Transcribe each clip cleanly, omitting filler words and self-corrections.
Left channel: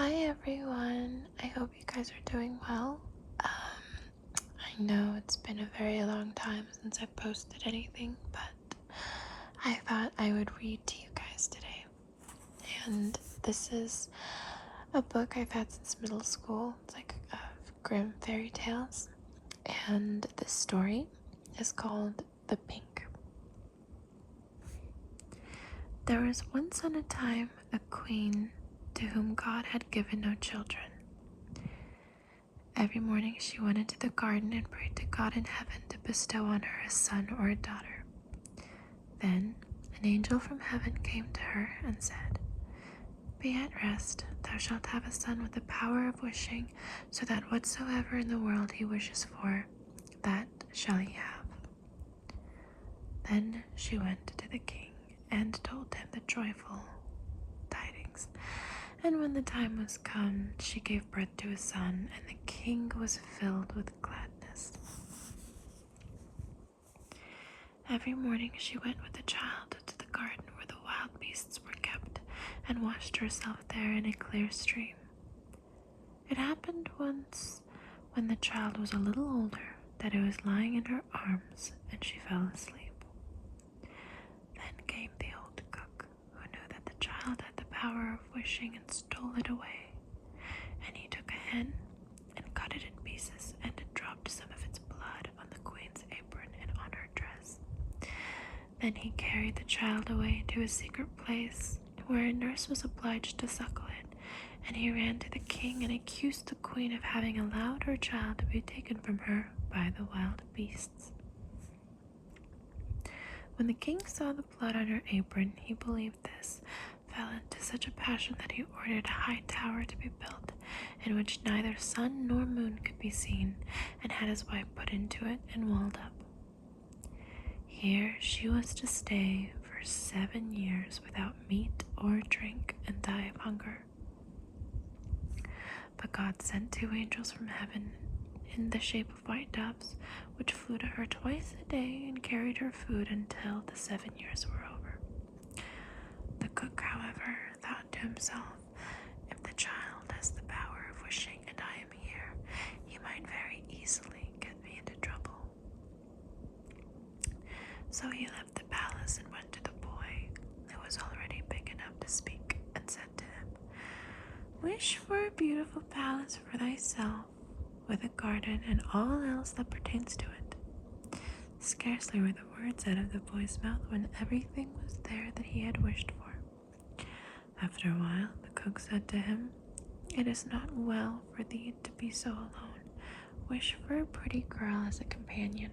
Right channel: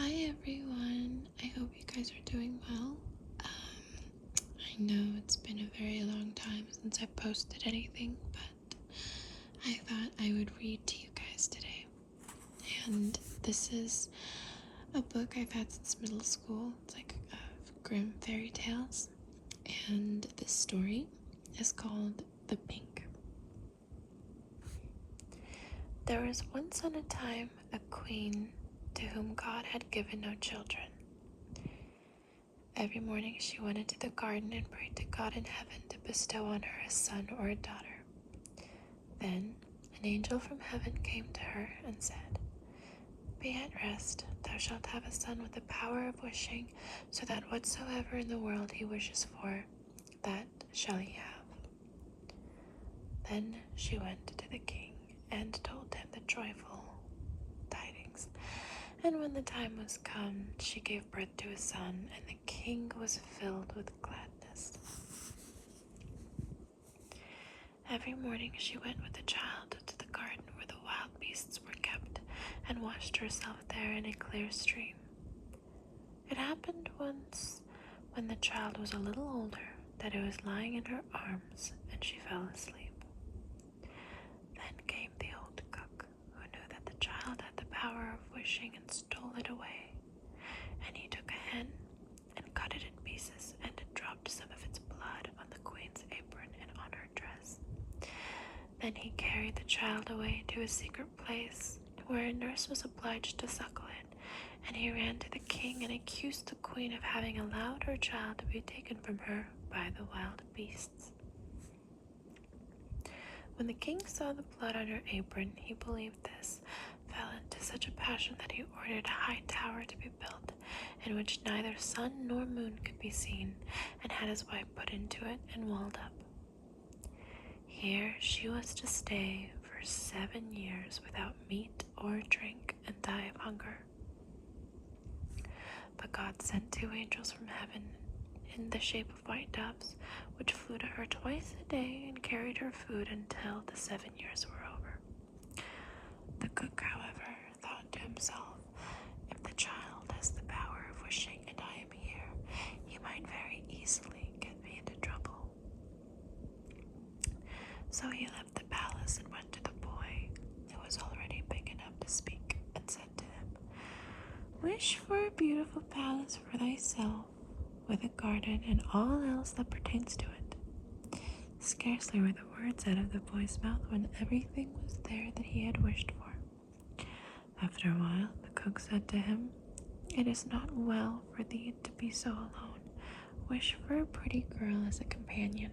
Hi everyone, I hope you guys are doing well. I know it's been a very long time since I've posted anything, but I thought I would read to you guys today. And this is a book I've had since middle school. It's like Grimm fairy tales. And this story is called The Pink. There was once on a time a queen to whom God had given no children. Every morning she went into the garden and prayed to God in heaven to bestow on her a son or a daughter. Then an angel from heaven came to her and said, "Be at rest, thou shalt have a son with the power of wishing, so that whatsoever in the world he wishes for, that shall he have." Then she went to the king and told him the joyful tidings. And when the time was come, she gave birth to a son, and the king was filled with gladness. Every morning she went with the child to the garden where the wild beasts were kept, and washed herself there in a clear stream. It happened once, when the child was a little older, that it was lying in her arms, and she fell asleep. Then came the old cook, who knew that the child had the power of wishing, and stole it away. And he took a hen and cut it in pieces, and dropped some of its blood on the queen's apron and on her dress. Then he carried the child away to a secret place, where a nurse was obliged to suckle it. And he ran to the king and accused the queen of having allowed her child to be taken from her by the wild beasts. When the king saw the blood on her apron, he believed this, fell into such a passion that he ordered a high tower to be built, in which neither sun nor moon could be seen, and had his wife put into it and walled up. Here she was to stay for 7 years without meat or drink, and die of hunger. But God sent 2 angels from heaven in the shape of white doves, which flew to her twice a day and carried her food until the 7 years were over. The cook, however, thought to himself, "If the child has the power of wishing and I am here, he might very easily get me into trouble." So he left the palace and went to the boy, who was already big enough to speak, and said to him, "Wish for a beautiful palace for thyself, with a garden and all else that pertains to it." Scarcely were the words out of the boy's mouth when everything was there that he had wished for. After a while, the cook said to him, "It is not well for thee to be so alone. Wish for a pretty girl as a companion."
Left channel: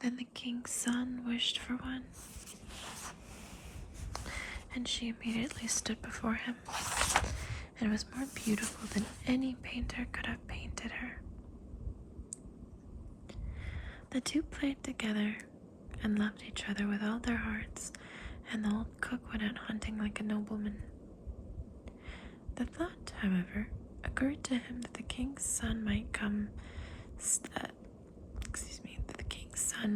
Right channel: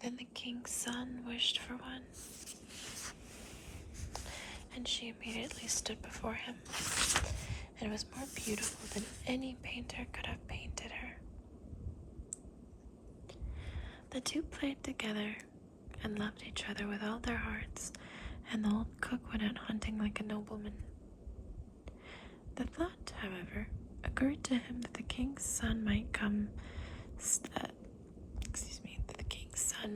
Then the king's son wished for one, and she immediately stood before him, and was more beautiful than any painter could have painted her. The two played together and loved each other with all their hearts, and the old cook went out hunting like a nobleman. The thought, however, occurred to him that the king's son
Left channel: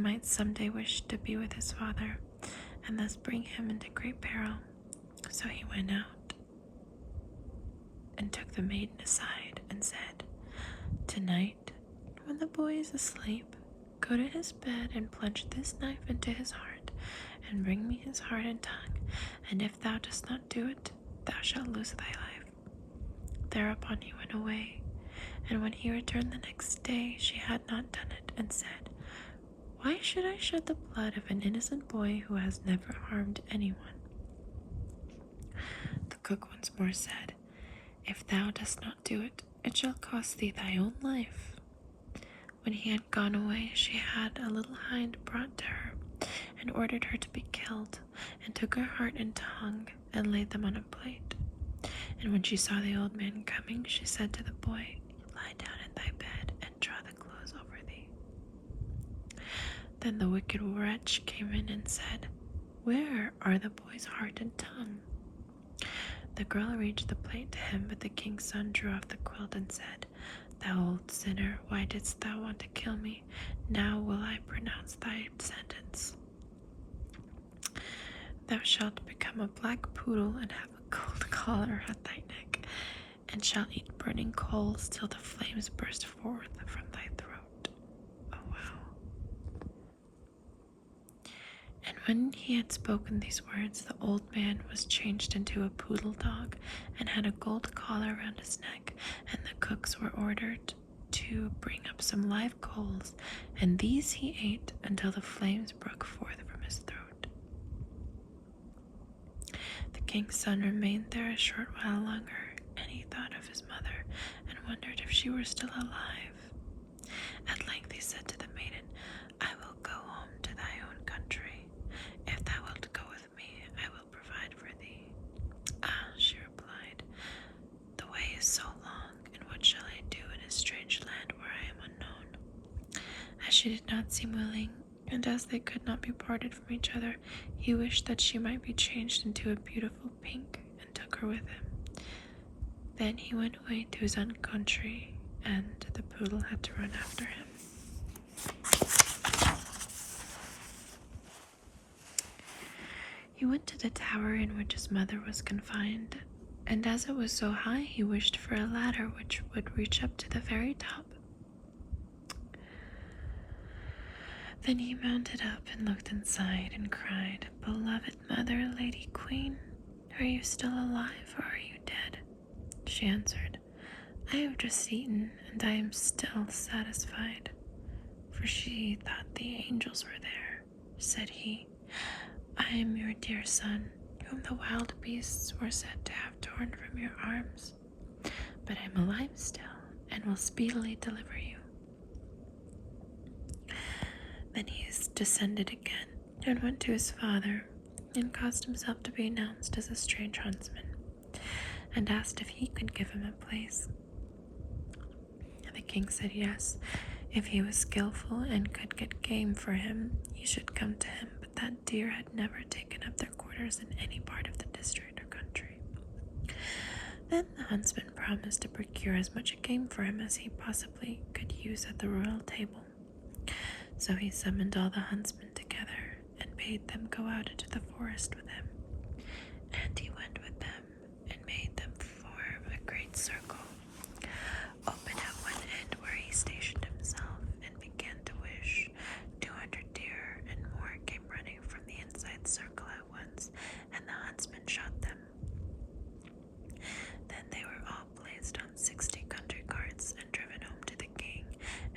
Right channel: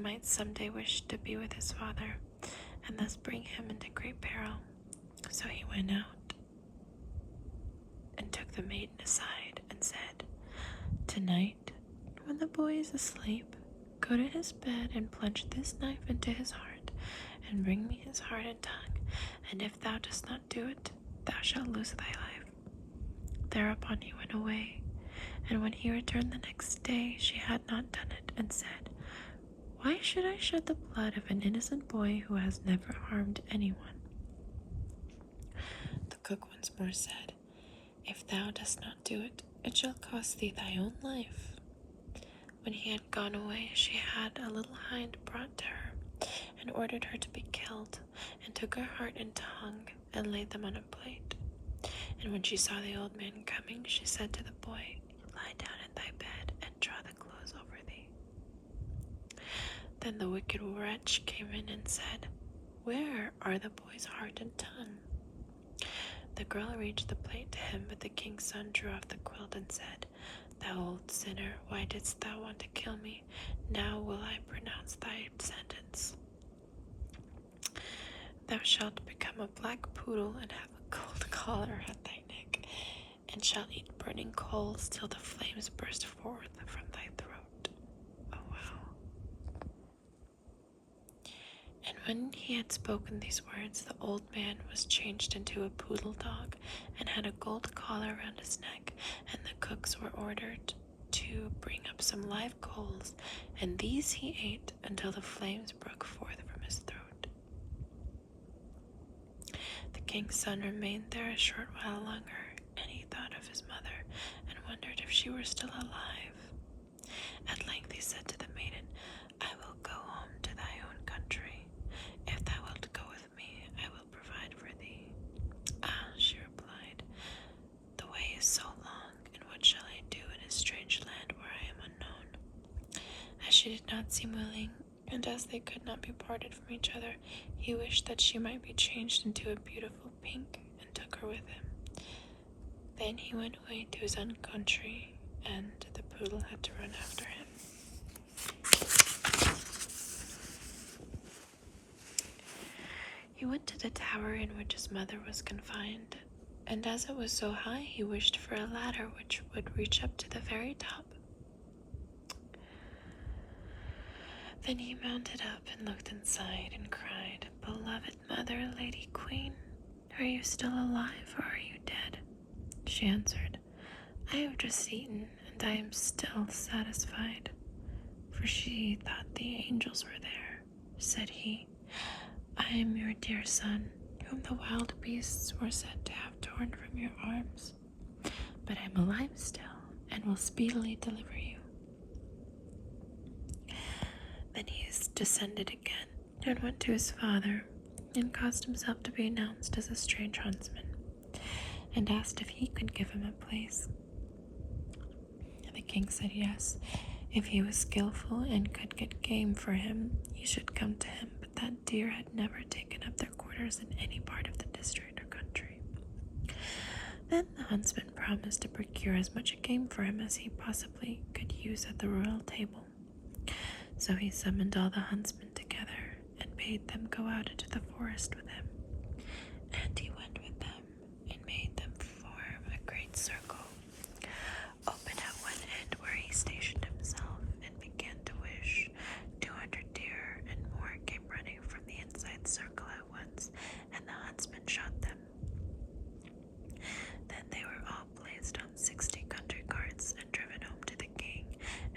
might someday wish to be with his father, and thus bring him into great peril. So he went out and took the maiden aside and said, "Tonight, when the boy is asleep, go to his bed and plunge this knife into his heart, and bring me his heart and tongue, and if thou dost not do it, thou shalt lose thy life." Thereupon he went away, and when he returned the next day, she had not done it, and said, "Why should I shed the blood of an innocent boy who has never harmed anyone?" The cook once more said, "If thou dost not do it, it shall cost thee thy own life." When he had gone away, she had a little hind brought to her, and ordered her to be killed, and took her heart and tongue, and laid them on a plate. And when she saw the old man coming, she said to the boy, "Lie down in thy bed, and draw the clothes over thee." Then the wicked wretch came in and said, "Where are the boy's heart and tongue?" The girl arranged the plate to him, but the king's son drew off the quilt and said, "Thou old sinner, why didst thou want to kill me? Now will I pronounce thy sentence. Thou shalt become become a black poodle and have a gold collar at thy neck, and shall eat burning coals till the flames burst forth from thy throat. Oh, wow. And when he had spoken these words, the old man was changed into a poodle dog and had a gold collar around his neck, and the cooks were ordered to bring up some live coals, and these he ate until the flames broke forth from his throat. The king's son remained there a short while longer, and he thought of his mother and wondered if she were still alive. At length he said to the maiden, I will go home to thy own country. If thou wilt go with me, I will provide for thee. Ah, she replied, the way is so long, and what shall I do in a strange land where I am unknown? As she did not seem willing, and as they could not be parted from each other, he wished that she might be changed into a beautiful pink, and took her with him. Then he went away to his own country, and the poodle had to run after him. He went to the tower in which his mother was confined, and as it was so high, he wished for a ladder which would reach up to the very top. Then he mounted up and looked inside and cried, Beloved mother, lady queen, are you still alive or are you dead? She answered, I have just eaten, and I am still satisfied. For she thought the angels were there. Said he, I am your dear son, whom the wild beasts were said to have torn from your arms. But I am alive still, and will speedily deliver you. Then he descended again, and went to his father, and caused himself to be announced as a strange huntsman, and asked if he could give him a place. And the king said yes, if he was skillful and could get game for him, he should come to him, but that deer had never taken up their quarters in any part of the district or country. Then the huntsman promised to procure as much game for him as he possibly could use at the royal table. So he summoned all the huntsmen together and bade them go out into the forest with him. And he went with them and made them form a great circle. Over him went in where he stationed himself and began to wish. 200 deer and more came running from the inside circle at once, and the huntsman shot them. Then they were all placed on 60 country carts and driven home to the king,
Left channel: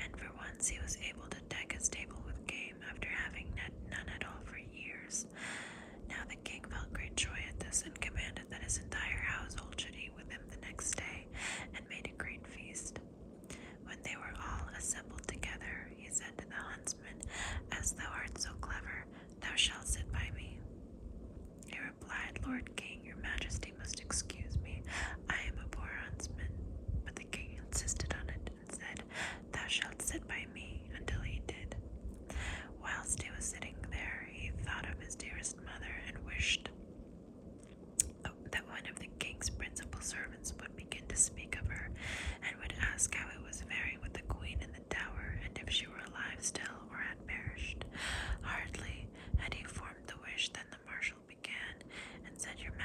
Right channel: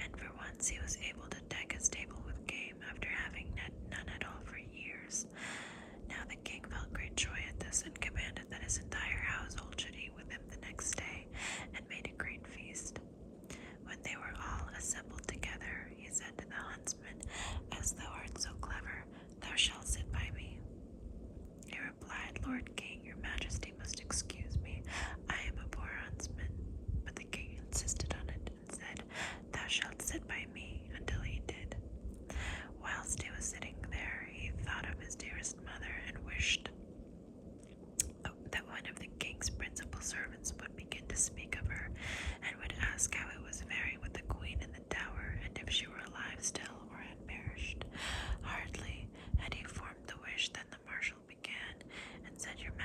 and for once he was able to deck his table with game after having none at all for years. Now the king felt great joy at this and commanded that his entire household should eat with him the next day, and made a great feast. When they were all assembled together, he said to the huntsman, As thou art so clever, thou shalt sit by me. He replied, Lord King, your majesty must excuse me. I am a poor huntsman. But the king insisted on it and said, Thou shalt sit by me, until he did. Whilst he was sitting there, he thought of his dearest mother and wished that one of the king's principal servants would begin to speak of her, and would ask how it was faring with the queen in the tower, and if she were alive still or had perished. Hardly had he formed the wish than the marshal began, and said, Your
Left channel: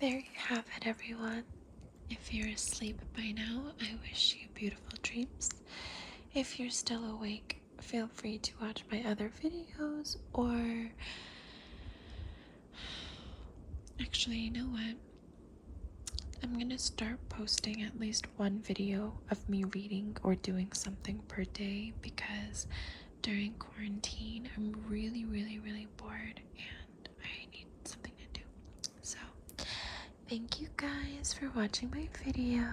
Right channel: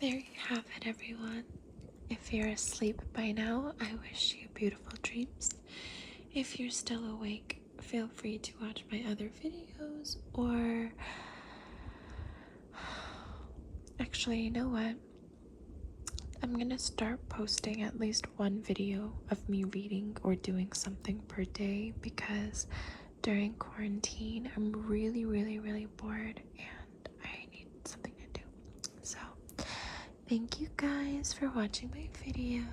there you have it, everyone. If you're asleep by now, I wish you beautiful dreams. If you're still awake, feel free to watch my other videos, or actually, you know what? I'm gonna start posting at least one video of me reading or doing something per day, because during quarantine, I'm really, really bored and I need something to do. So, thank you guys for watching my video.